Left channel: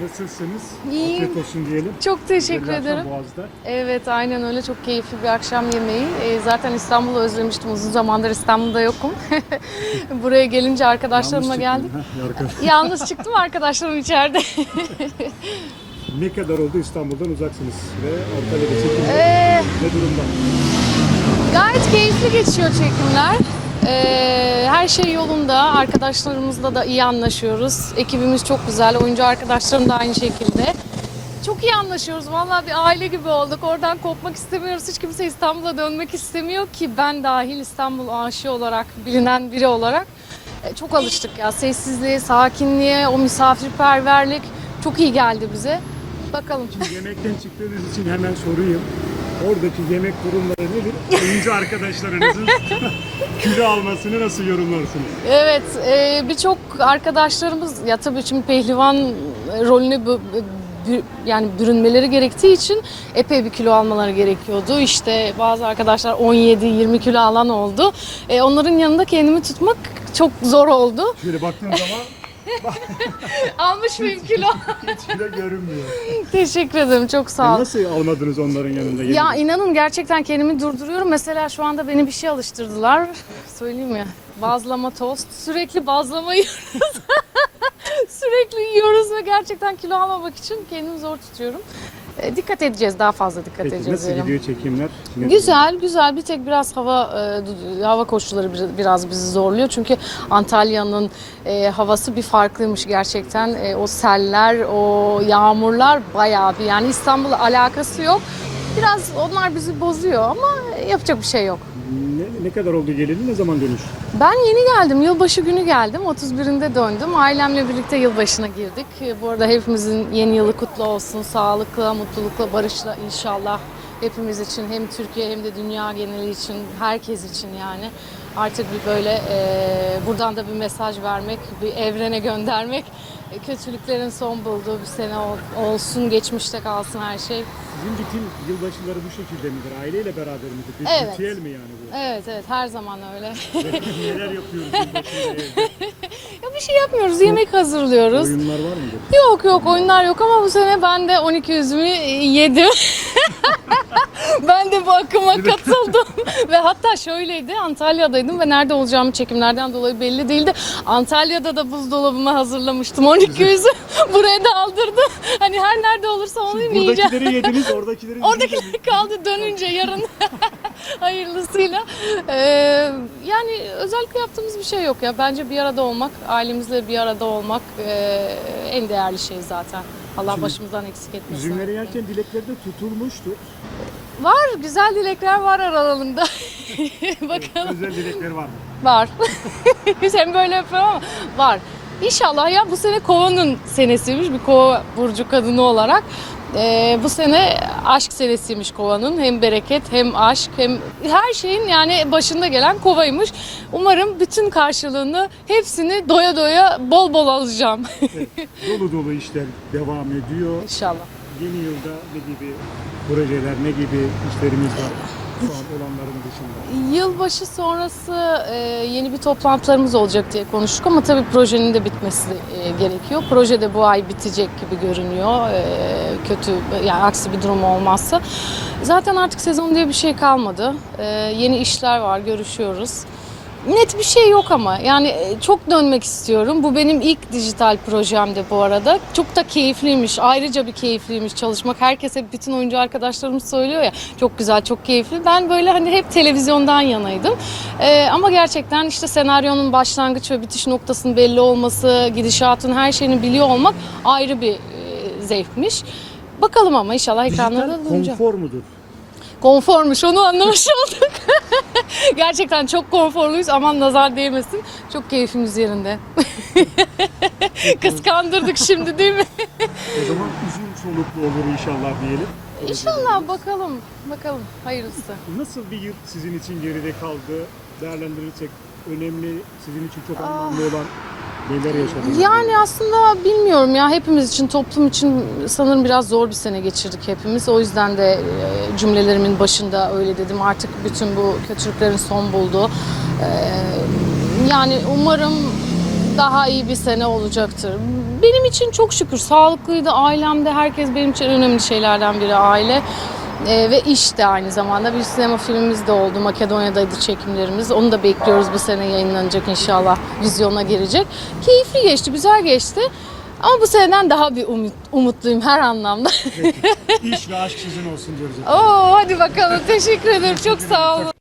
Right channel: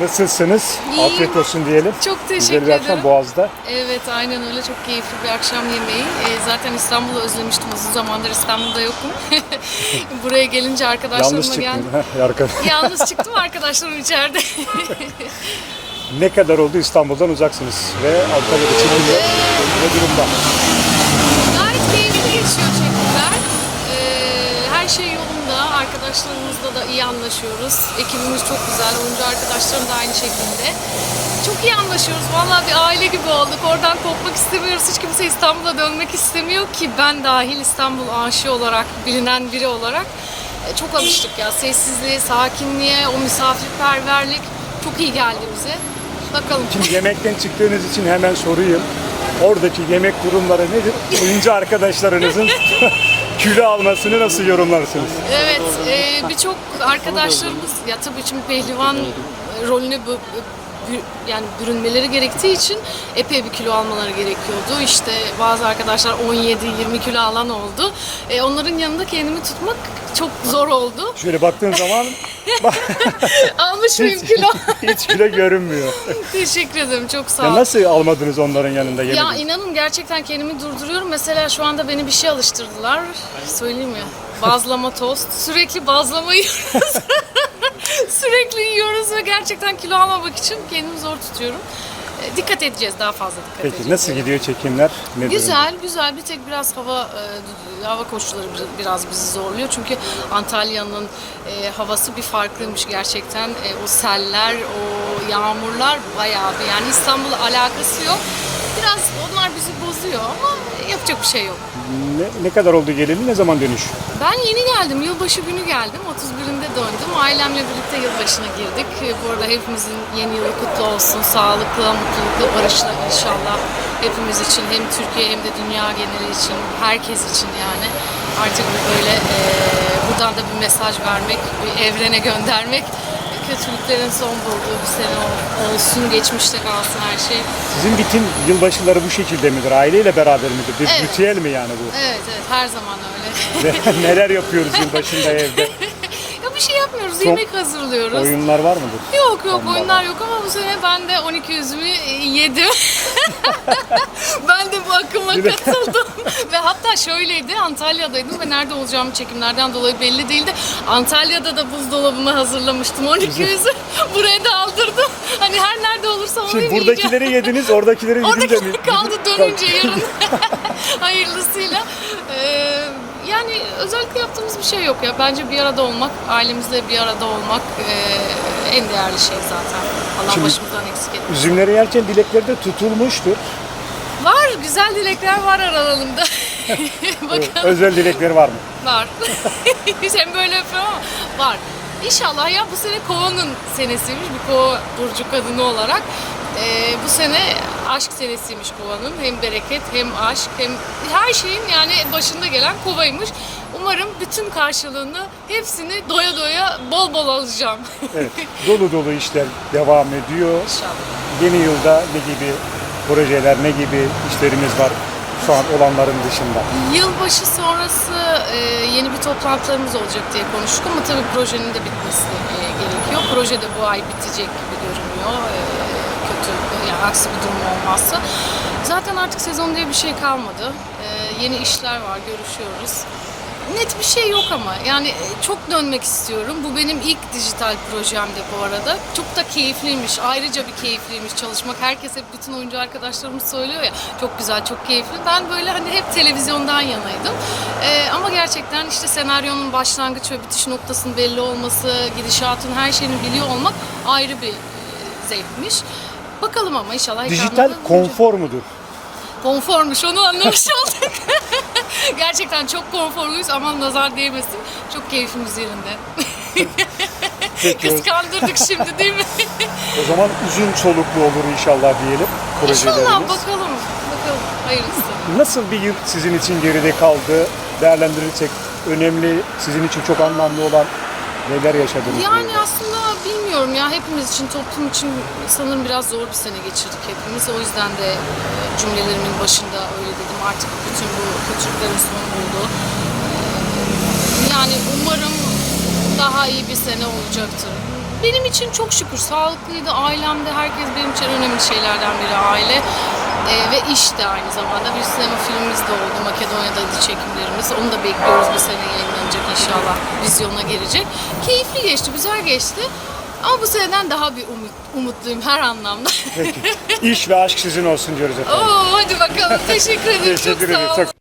Nasılsınız? İyiyim. Afiyet olsun diyelim. Çok Güzel teşekkür bir akşam ederim. Boğaz'da. Evet aynen öyle çok keyifli bir akşam yemeği. Ee, zaten İstanbul'u özlemiştim uzun zamandır İstanbul'da yokum. Buraya gelince Yalnız arkadaşlarıma çıktın. geldim. Arka- Yalnız çıktım arkadaşlarım içeride. ne kadar oldu İstanbul'dan uzaksınız ve Antalya'da çekimler Ee, ne durumda? Gayet keyifli geçiyor çekimler. Her şey yolunda. Arkadaşlarımızla da iyi anlaşıyoruz. Ekibimiz çok güzel. Oyuncu arkadaşlarım da aynı şekilde. Çok iyi anlaşıyoruz. Vallahi bir aile gibi olduk. Oradan kopmak istemiyoruz. Hiç kimse İstanbul'a dönmek istemiyor ki ben dahil İstanbul aşığı olarak, bilinen biri olarak e, çok alıştık ya. Sessizliğe, sakinliğe, o misafirperverlik çok iyi geldi bize. Bakalım. Şimdi yemekten çıktığınız için hemen sorayım. Oradaki yemek durumları nedir? Oyuncu arkadaşlarınızın kilo almasını nasıl yorumlarsınız? Evet, e, birçok arkadaşlarımız ya tabii şimdi pehlivan rolüne yani bürünmeleri gerektiği için epey bir kilo almaları gerekiyordu. İşte bazı arkadaşlar 17-20 kilo alan oldu. E, onların yanında kendimi tutmak çok zor oldu. Şöyle baktığın zaman Almış mıyım kilo? hiç kilo görünmüyor. Teşekkür ederim, çok sağ Ya ol. nasıl almadınız onların yanında yemeği? Ya inanın gerçekten kendimi durduruyorum. Mesela şu anda beni bir şey alıştırdılar. Söyleyeyim mi? Bazlama tost. Sürekli bazlama yiyoruz. Sürekli yiyoruz ve gerçekten kilo almamak için kendimi zor tutuyorum. E, dikkat edeceğiz, daha fazla dikkat edeceğiz. Peki nasıl yani. gidiyor çekimler? Ne durumda? Güzel, güzel. Bir tek biraz hava e, hava koşulları bir- biraz bizi zorluyor. Çünkü Antalya'nın e, havası bir farklıymış gerçekten. E, o seller, o yağmurlar bayağı bir yani İstanbul'la alakası yok. Biraz onlar bizi bozuyor ama yapacak bir şey yok. Ne, kadar oldu geleli? Ne zaman dönüş? Ben yeni geldim. Yılbaşı günü geldim. 31'inde döndüm. Ailemle birlikte yılbaşına girdik. Bu arada hepimizin yeni yılı kutlu olsun. Sağlıkla, mutlulukla, barışla inşallah. Hepimiz için hem Türkiye hem de dünya geneli için, herkes için yani. Artık böyle e, buradan da bir mesaj vermek, bir evrene göndermek. Kötülüklerin son bulduğu bir sene ol- olsun, geçmişte kalsın her şey. Sizin bütün yılbaşıları bu şekilde midir? Aileyle beraber midir? Bir Evet. ritüel mi yani bu? Evet, evet her zaman öyle. Neler yapıyoruz yılbaşında evde? ya bir şey yapmıyoruz, yemek hazırlıyoruz. Oyunlar var mıdır? Yok yok oyunlar yok ama bu sene ben de 12 üzümü yedim. ben de bu akıma katıldım. ve hatta şöyleydi Antalya'daydım ve nerede olacağım çekimlerden dolayı belli değildi. Antalya'da da buzdolabıma hazırlamıştım 12 üzüm. Buraya da aldırdım. Hani her nerede olursa onu Şimdi yiyeceğim. buradakileri yediniz, oradakileri yedince mi? Oradakiler kaldı dönünce yarın. Hayırlısıyla. Ee, yani özellikle yaptığımız bir şey yok ya. Bence bir arada olmak, ailemizle bir arada olmak ee, en değerli şey zaten. Allah Şimdi- başımızdan eksik etmesin. Üzümleri yerken dilekleri de tutulmuştur. Var, güzel dilekler var aralarında. Bakalım. Özel dilekleri var mı? Var. Sen böyle yapıyorsun ama var. İnşallah ya bu sene kovanın senesiymiş bir kova burcu kadını olarak. Ee, bu sene aşk senesiymiş kovanın. Hem bereket hem aşk hem her şeyin yani başında gelen kovaymış. Umarım bütün karşılığını hepsini doya doya bol bol alacağım. Evet. Dolu dolu işler devam ediyor. İnşallah. Yeni yılda ne gibi projeler, ne gibi işlerimiz var şu an olanların dışında? Yılbaşı sonrası e, yeni bir toplantılarımız olacak diye konuştuk ama tabii projenin de bitmesi e, gerekiyor. Proje de bu ay bitecek gibi görünüyor. E, kötü yani aksi bir durum olmazsa. Zaten artık sezon diye bir şey kalmadı. E, yeni işler var, görüşüyoruz. Net bir şey yok ama yani e, çok dönmek istiyorum. Bu benim ilk dijital projemdi bu arada. Çok da keyifliymiş. Ayrıca bir keyifliymiş çalışmak. Herkes hep bütün oyuncu arkadaşlarımız söylüyor ya çok güzel, çok keyifli. Ben böyle hani hep televizyondan yanaydım. E, ama gerçekten işte senaryonun başlangıç ve bitiş noktasının belli olması, gidişatın her şeyini biliyor olmak ayrı bir e, zevkmiş. Bakalım ama inşallah Dijital ekranlarda konfor mudur? Konformuş onu anlamış olduk. Gerçekten çok konforluyuz aman nazar değmesin. Çok keyfimiz yerinde. Kıskandırdık şimdi değil mi? O zaman uzun soluklu olur inşallah diyelim projelerimiz. İnşallah bakalım. Bakalım hayırlısı. Nasıl bir yıl sizin için geride kaldı? Değerlendirirsek önemli, sizin için çok anlamlı olan neler yaşadınız? Yani aslında bilmiyorum ya hepimiz için toplum için sanırım biraz zor bir sene geçirdik hepimiz. O yüzden de e, cümlelerimin başında öyle dedim. Artık bütün bu kötülüklerin son buldu. E, Yani umarım daha iyi bir sene olacaktır. benim için çok şükür sağlıklıydı. Ailemde herkes benim için önemli şeylerden biri aile. Ee, ve iş de aynı zamanda bir sinema filmimiz de oldu. Makedonya'daydı çekimlerimiz. Onu da bekliyoruz bir sene yayınlanacak inşallah. Vizyona girecek. Keyifli geçti, güzel geçti. Ama bu seneden daha bir umut, umutluyum her anlamda. İş ve aşk sizin olsun diyoruz efendim. Oo hadi bakalım. Teşekkür ederim. Çok sağ olun.